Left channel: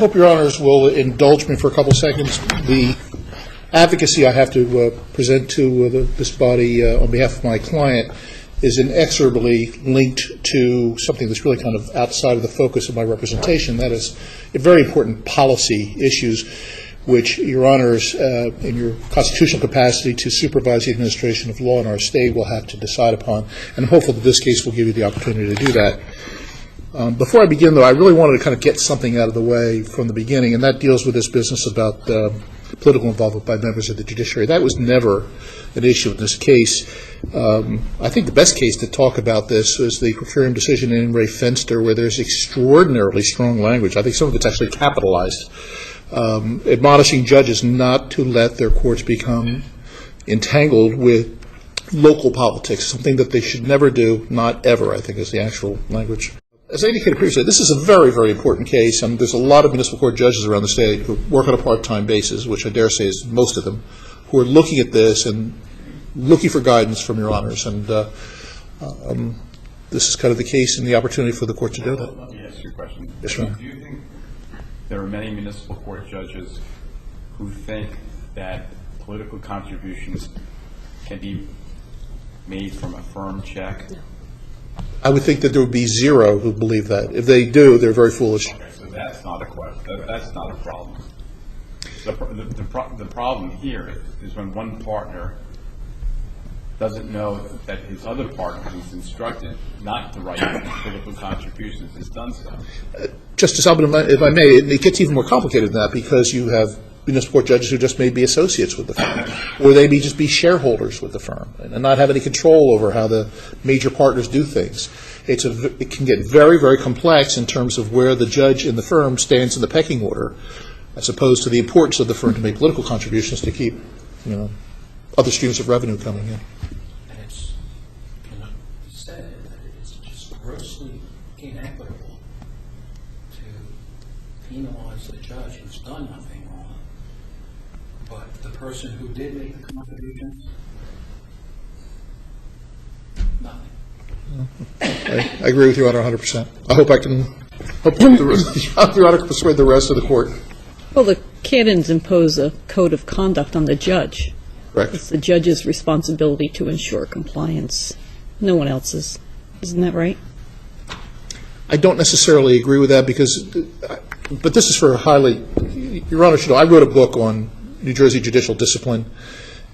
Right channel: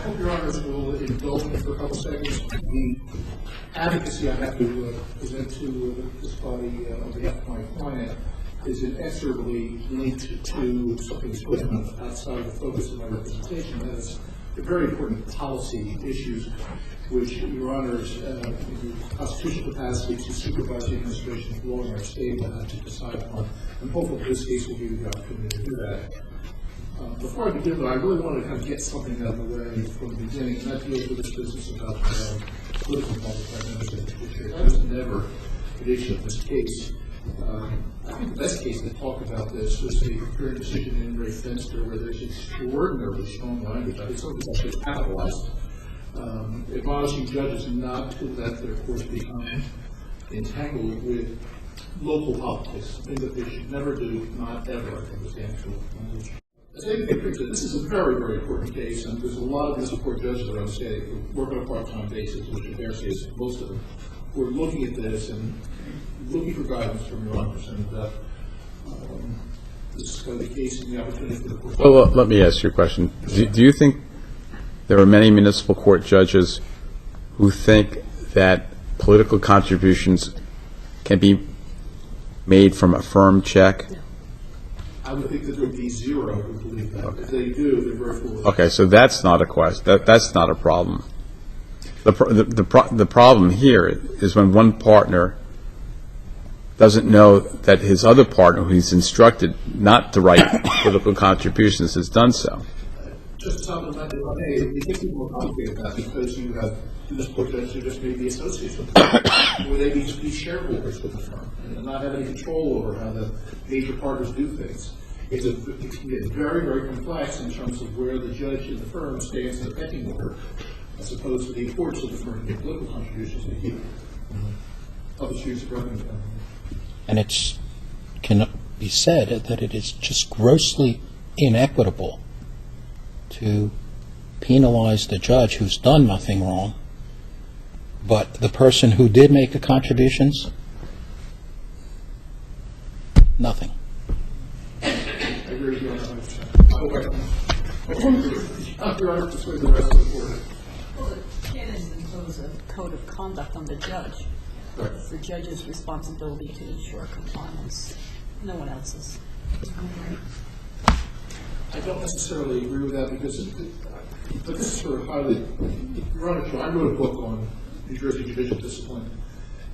hope Your Honors will indulge me for a couple seconds. The advocacy I have to present to this body on behalf of my client is inexorably linked to something that's really kind of outside of the focus of my representation. That is very important policy issues which Your Honors, in your constitutional capacity to supervise the administration of law in our state, will have to decide upon. And I'm hopeful that this case will give you the opportunity to do that. Before I begin, though, I really wanted to kind of get something out of the way from the beginning, and that deals with this business about political involvement by members of the judiciary. That was never an issue in this case. I think the best case to talk about this is the per curiam decision in Ray Fenster, where there's extraordinarily strong language. I think some of it's actually capitalized, admonishing judges not to let their courts become entangled with local politics, something that they should never do, not ever, I think is the actual language. As I indicated previously, this is a very, very important case, and there's a lot of municipal court judges around the state who work on a part-time basis, which I dare say is most of them, who are looking at this and looking for guidance from Your Honors. And this is kind of the case and the opportunity for the court to. Well, let me ask you a question. Yes, do you think there are many municipal court judges who think that political contributions can be made from a firm check? No. I would think that there would be zero who believe that. If they do, they're very foolish. Okay, so that's not a question. That's not a problem. The problem here is when one partner doesn't know that his other partner, who he's instructed not to write political contributions, has done so. Justice Albin, if I may, it gets even more complicated than that, because you have municipal court judges who just may be associates with the firm, or they may just be shareholders with the firm and not have any control over how the major partners do things. It can get very, very complex in terms of where the judge in the firm stands in the pecking order, as opposed to the importance of the firm to make political contributions to keep, other streams of revenue coming in. And it can be said that it is just grossly inequitable to penalize the judge who's done nothing wrong, but the person who did make the contributions, nothing. I agree with you, Your Honor, 100%. I hope Your Honor can persuade the rest of the court. Well, the canons impose a code of conduct on the judge. Correct. It's the judge's responsibility to ensure compliance. No one else's. Isn't that right? I don't necessarily agree with that, but this is for Your Honor should know, I wrote a book on New Jersey judicial discipline,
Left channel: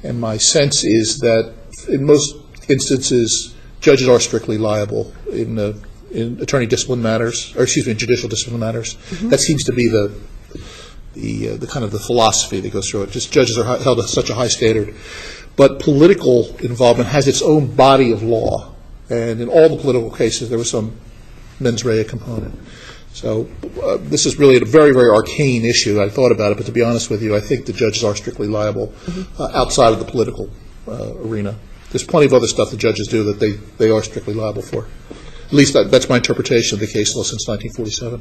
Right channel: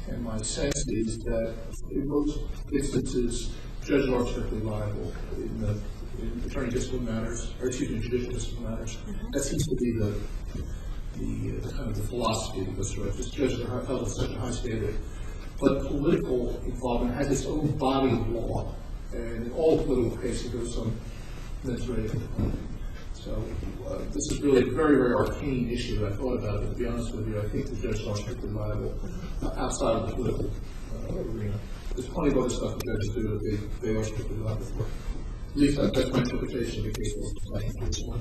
and my sense is that in most instances, judges are strictly liable in attorney discipline matters, or excuse me, in judicial discipline matters. Mm-hmm. That seems to be the kind of the philosophy that goes through it. Just judges are held to such a high standard. But political involvement has its own body of law, and in all the political cases, there was some mens rea component. So this is really a very, very arcane issue. I thought about it, but to be honest with you, I think the judges are strictly liable outside of the political arena. There's plenty of other stuff the judges do that they are strictly liable for. At least that's my interpretation of the case law since 1947.